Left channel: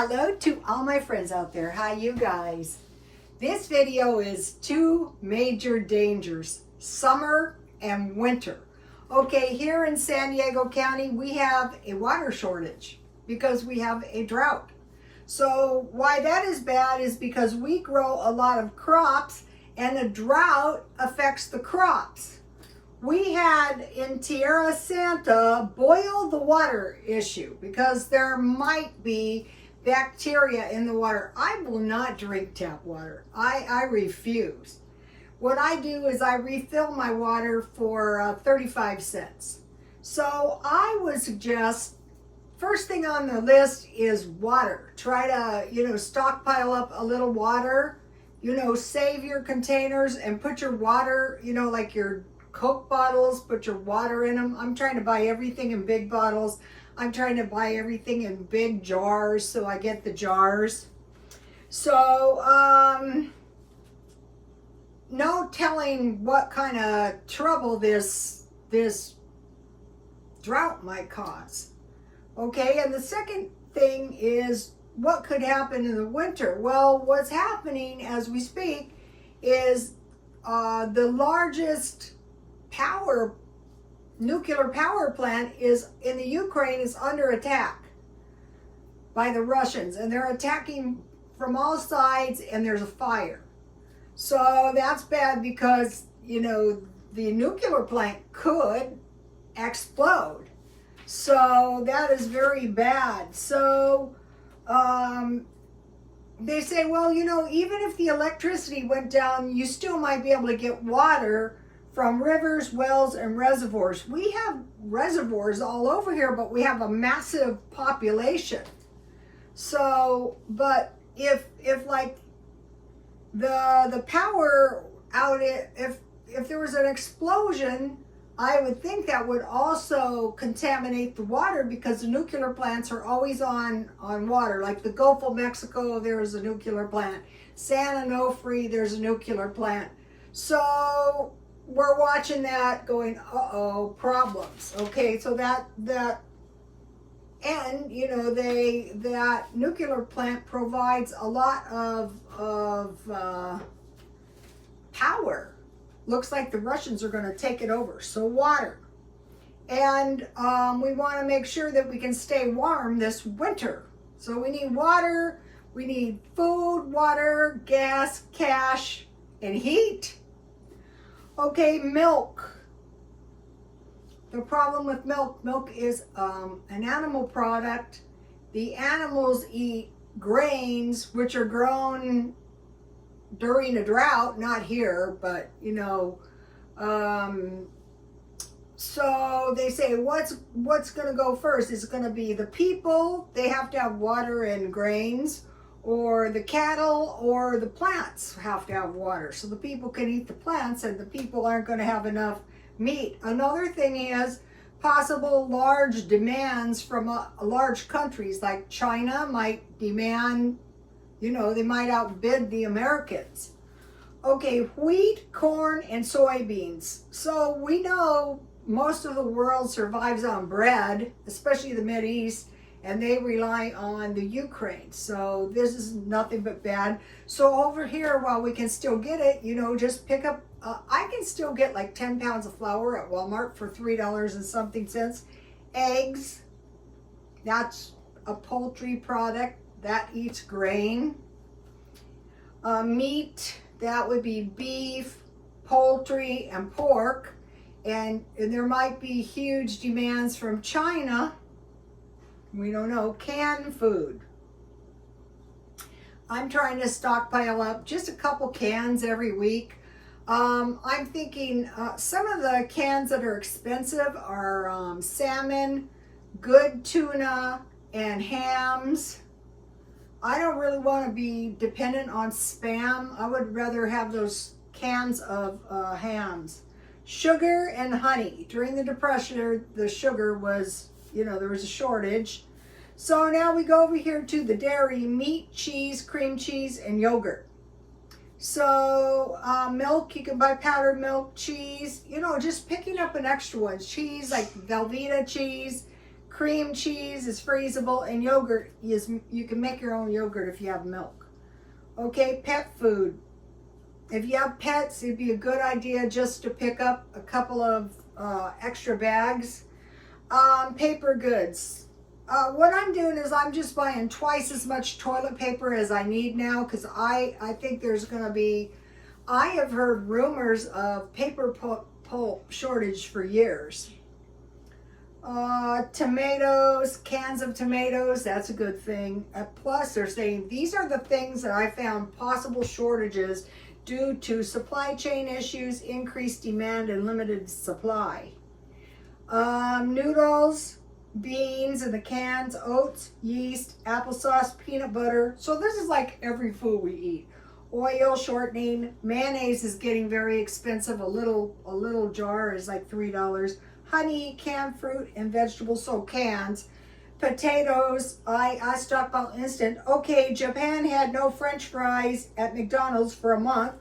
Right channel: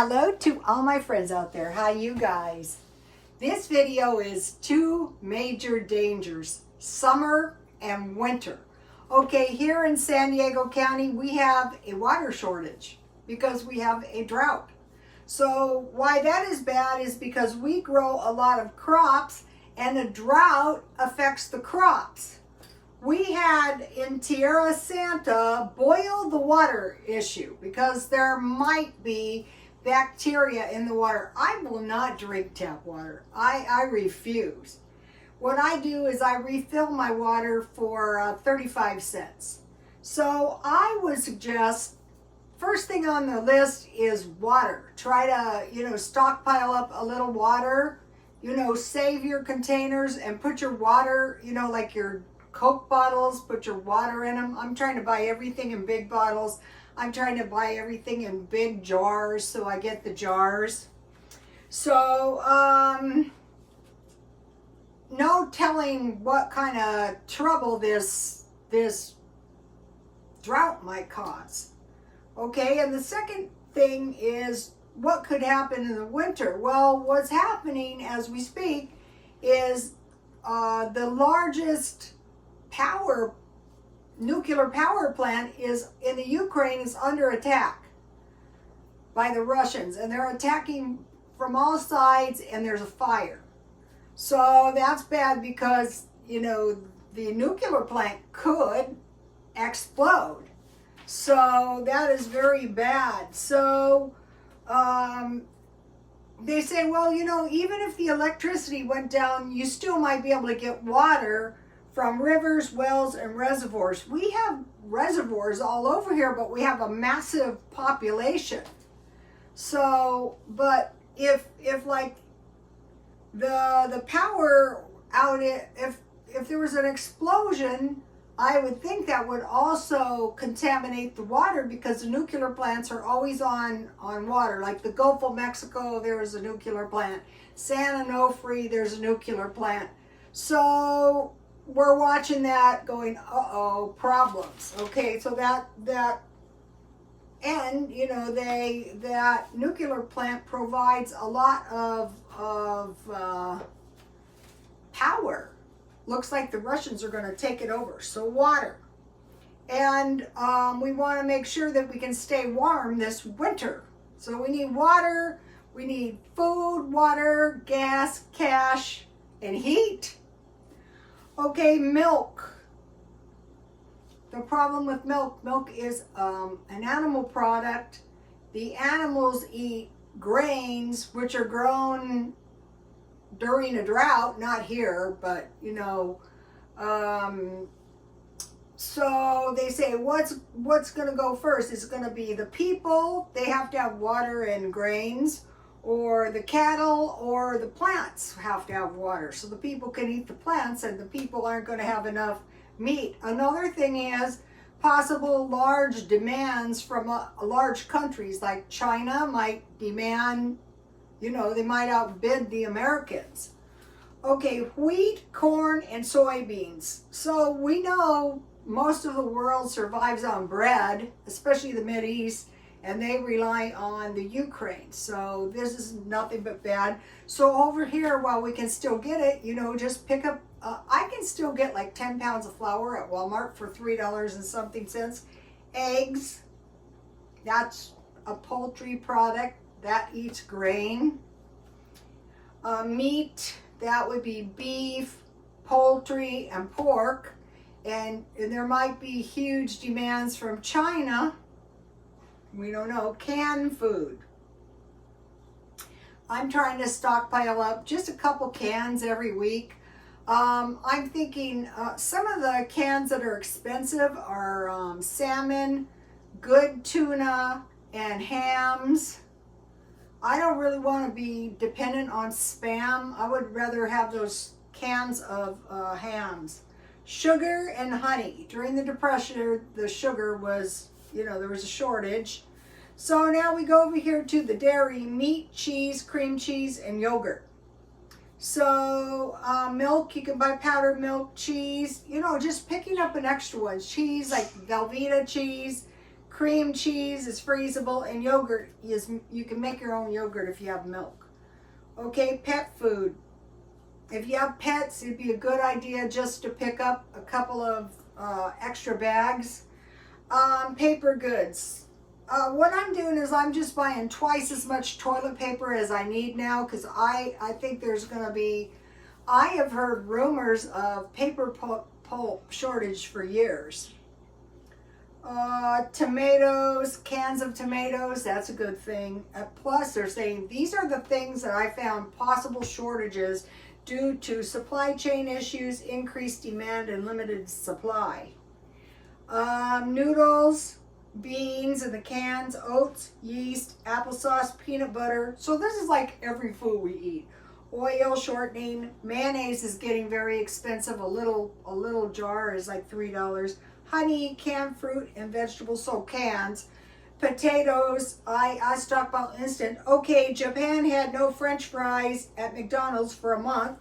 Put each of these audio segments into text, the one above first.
Hello to all my friends out there. Hi, you guys. This video is two major dangers, summer and winter. Okay, here in San Diego County, we have a water shortage because we have a drought. So why that is bad is because we grow a lot of crops and a drought affects the crops. We had in Tierra Santa boil the water issue because there might be bacteria in the water. I will not drink tap water. I refuse. What I do is I refill my water for 35 cents. So I would suggest first thing on the list is water. Try to, stockpile up a little water, save your containers and put your water, like your Coke bottles, put your water in them. I'm trying to buy everything in big bottles. I'm trying to buy everything in big jars, so I get the jars. So, no telling what kind of trouble this drought might cause. Okay, and the second thing is what could happen in the winter. Well, what's happening as we speak is the largest nuclear power plant is in the Ukraine is under attack by the Russians, and they're attacking from all sides, and there's a fire. So that's bad because the nuclear plant could explode. So that is very bad. So they say, well, even if the electricity went down, you still might be able to get water from rivers, wells, and reservoirs. We have reservoirs all over here, but we have a massive population. So, but if like the power out, if there was an explosion, I would think that would also contaminate the water because the nuclear plants are always on water. Like the Gulf of Mexico, there's a nuclear plant. San Onofre, there's a nuclear plant. So we're watching that going, uh-oh, problems. Okay, so that nuclear plant provides a lot of power. Looks like the Russians are going to take it over. So water. And we want to make sure that we can stay warm this winter. So we need water, we need food, water, gas, cash, and heat. Okay, milk. The problem with milk is an animal product. The animals eat grains, which are grown during a drought, not here, but so they say what's going to go first? Is it going to be the people? They have to have water and grains, or the cattle, or the plants have to have water. So the people can eat the plants, and the people aren't going to have enough meat. Another thing is possible large demands from large countries like China might demand, they might outbid the Americans. Okay, wheat, corn, and soybeans. So we know most of the world survives on bread, especially the Mideast, and they rely on the Ukraine. So this is nothing but bad. So over here, while we can still get it, just pick up, I can still get like 10 pounds of flour at Walmart for $3 and something cents. Eggs, that's a poultry product that eats grain. Meat, that would be beef, poultry, and pork. And there might be huge demands from China. We don't know. Canned food. I'm trying to stockpile up just a couple cans every week. I'm thinking some of the cans that are expensive are salmon, good tuna, and hams. I don't really want to be dependent on Spam. I would rather have those cans of hams. Sugar and honey. During the Depression, the sugar was, there was a shortage. So now we go over here to the dairy, meat, cheese, cream cheese, and yogurt. So milk, you can buy powdered milk, cheese, just picking up an extra one. Cheese, like Velveeta cheese, Cream cheese is freezable, and yogurt is, you can make your own yogurt if you have milk. Okay, pet food. If you have pets, it'd be a good idea just to pick up a couple of extra bags. Paper goods. What I'm doing is I'm just buying twice as much toilet paper as I need now, because I think there's going to be, I have heard rumors of paper pulp shortage for years. Tomatoes, cans of tomatoes, that's a good thing. Plus, they're saying these are the things that I found possible shortages due to supply chain issues, increased demand, and limited supply. Noodles, beans in the cans, oats, yeast, applesauce, peanut butter. So this is like every food we eat. Oil, shortening, mayonnaise is getting very expensive. A little jar is like $3. Honey, canned fruit and vegetables, so cans. Potatoes, I stockpile instant. Okay, Japan had no French fries at McDonald's for a month.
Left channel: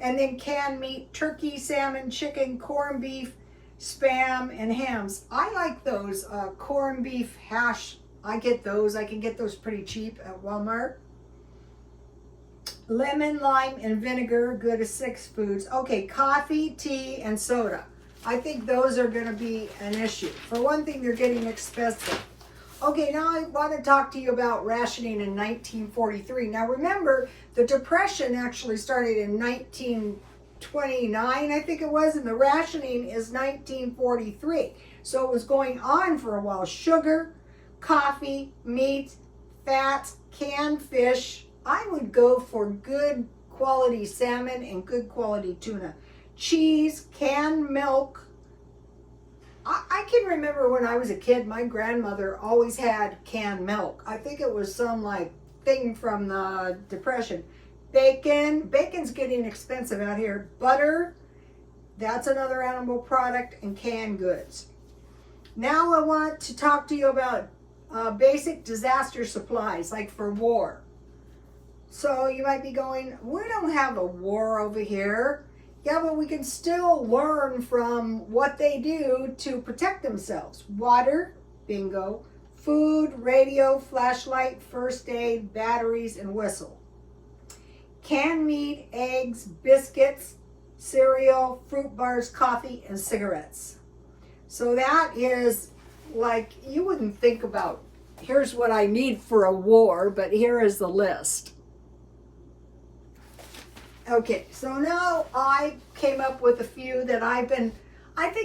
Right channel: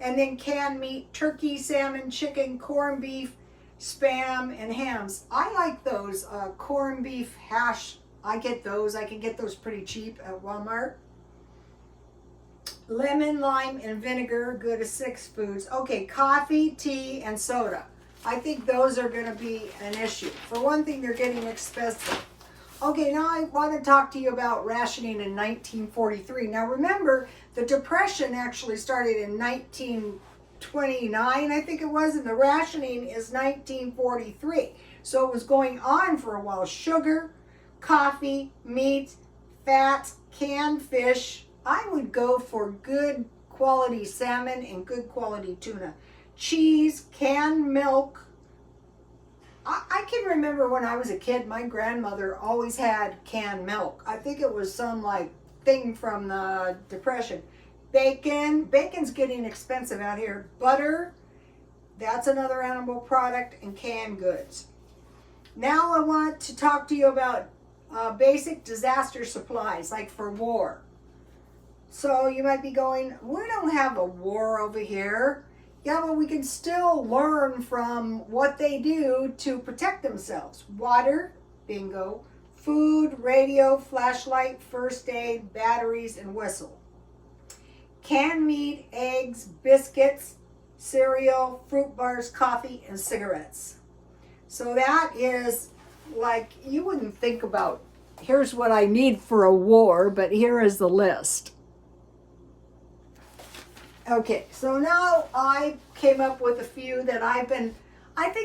And then canned meat, turkey, salmon, chicken, corned beef, Spam, and hams. I like those corned beef hash. I get those. I can get those pretty cheap at Walmart. Lemon, lime, and vinegar, good as 6 foods. Okay, coffee, tea, and soda. I think those are going to be an issue. For one thing, they're getting expensive. Okay, now I want to talk to you about rationing in 1943. Now remember, the Depression actually started in 1929, I think it was, and the rationing is 1943. So it was going on for a while. Sugar, coffee, meat, fat, canned fish. I would go for good quality salmon and good quality tuna. Cheese, canned milk. I can remember when I was a kid, my grandmother always had canned milk. I think it was some like thing from the Depression. Bacon. Bacon's getting expensive out here. Butter. That's another animal product, and canned goods. Now I want to talk to you about basic disaster supplies, like for war. So you might be going, we don't have a war over here. Yeah, but we can still learn from what they do to protect themselves. Water, bingo. Food, radio, flashlight, first aid, batteries, and whistle. Canned meat, eggs, biscuits, cereal, fruit bars, coffee, and cigarettes. So that is like, you wouldn't think about, here's what I need for a war, but here is the list. Okay, so now I came up with a few that I think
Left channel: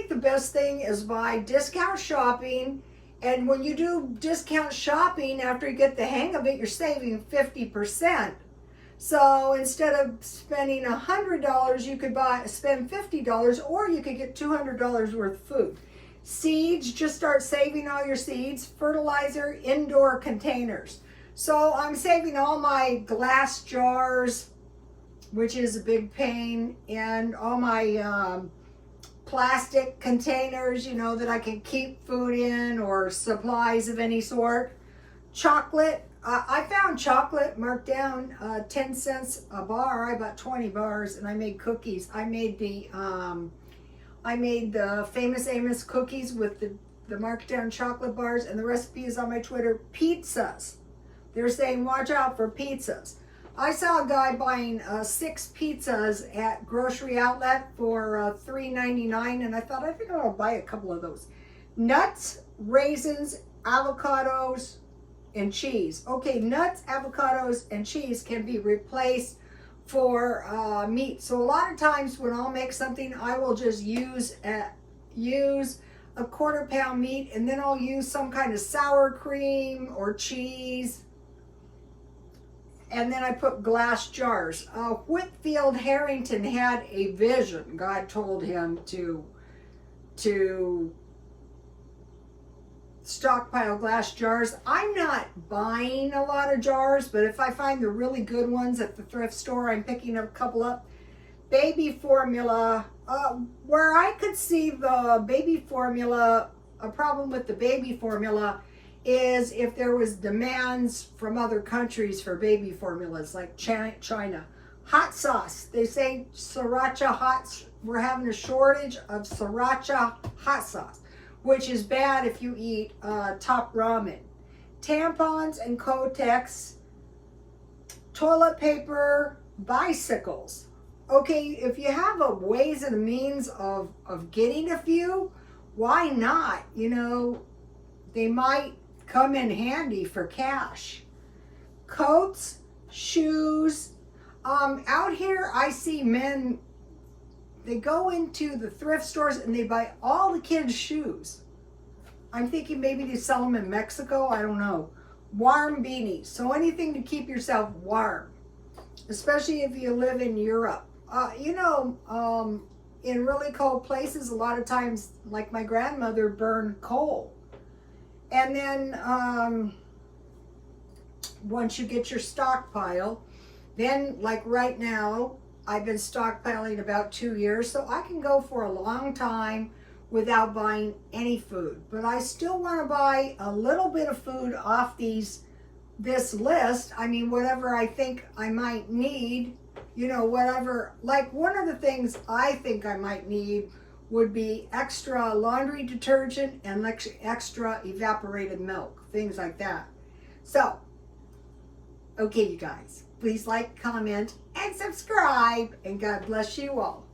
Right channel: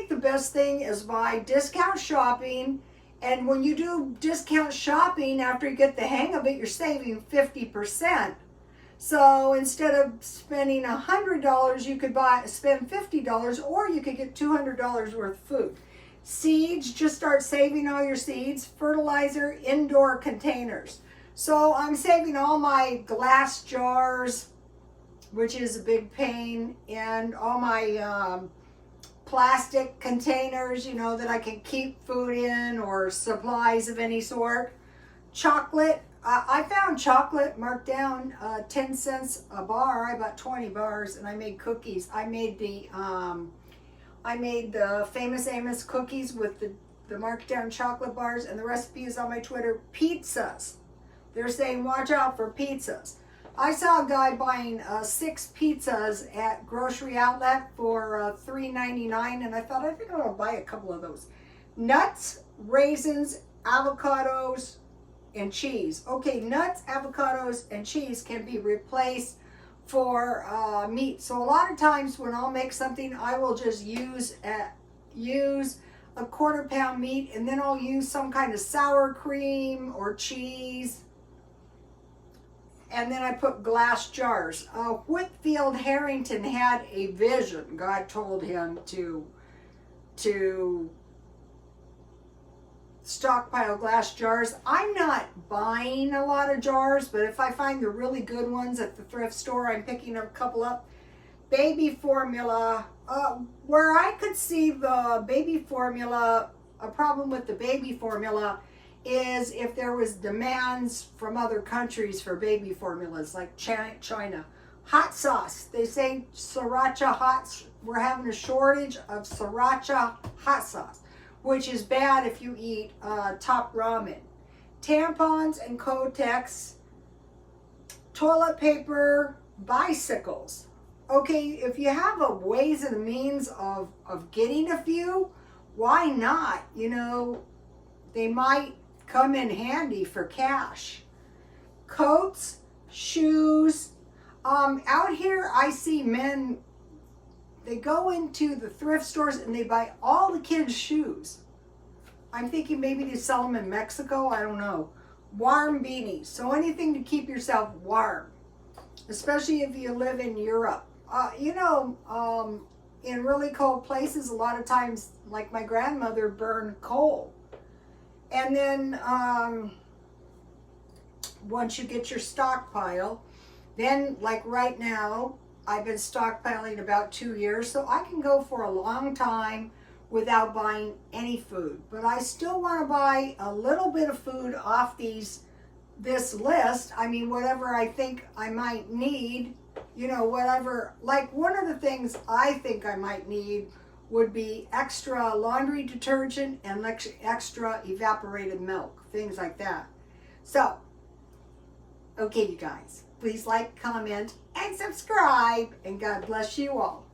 the best thing is by discount shopping. And when you do discount shopping, after you get the hang of it, you're saving 50%. So instead of spending $100, you could spend $50, or you could get $200 worth of food. Seeds, just start saving all your seeds. Fertilizer, indoor containers. So I'm saving all my glass jars, which is a big pain, and all my plastic containers, you know, that I can keep food in, or supplies of any sort. Chocolate, I found chocolate marked down 10 cents a bar. I bought 20 bars, and I made cookies. I made the Famous Amos cookies with the marked down chocolate bars, and the recipe is on my Twitter. Pizzas, they're saying watch out for pizzas. I saw a guy buying 6 pizzas at grocery outlet for $3.99, and I thought, I think I'll buy a couple of those. Nuts, raisins, avocados, and cheese. Okay, nuts, avocados, and cheese can be replaced for meat. So a lot of times when I'll make something, I will just use a 1/4 pound meat, and then I'll use some kind of sour cream or cheese. And then I put glass jars. Whitfield Harrington had a vision. God told him to stockpile glass jars. I'm not buying a lot of jars, but if I find the really good ones at the thrift store, I'm picking a couple up. Baby formula. Where I could see the baby formula, a problem with the baby formula is if there was demands from other countries for baby formulas, like China. Hot sauce. They say sriracha hot. We're having a shortage of sriracha hot sauce. which is bad if you eat top ramen. Tampons and Kotex, toilet paper, bicycles. Okay, if you have a ways and means of getting a few, why not? You know, they might come in handy for cash. Coats, shoes. Out here I see men, they go into the thrift stores and they buy all the kids' shoes. I'm thinking maybe they sell them in Mexico, I don't know. Warm beanies, so anything to keep yourself warm, especially if you live in Europe. In really cold places, a lot of times, like my grandmother, burned coal. And then once you get your stockpile, then like right now, I've been stockpiling about 2 years, so I can go for a long time without buying any food. But I still want to buy a little bit of food off this list. I mean, whatever I think I might need, you know, whatever. Like one of the things I think I might need would be extra laundry detergent and extra evaporated milk, things like that. So, okay, you guys, please like, comment, and subscribe, and God bless you all.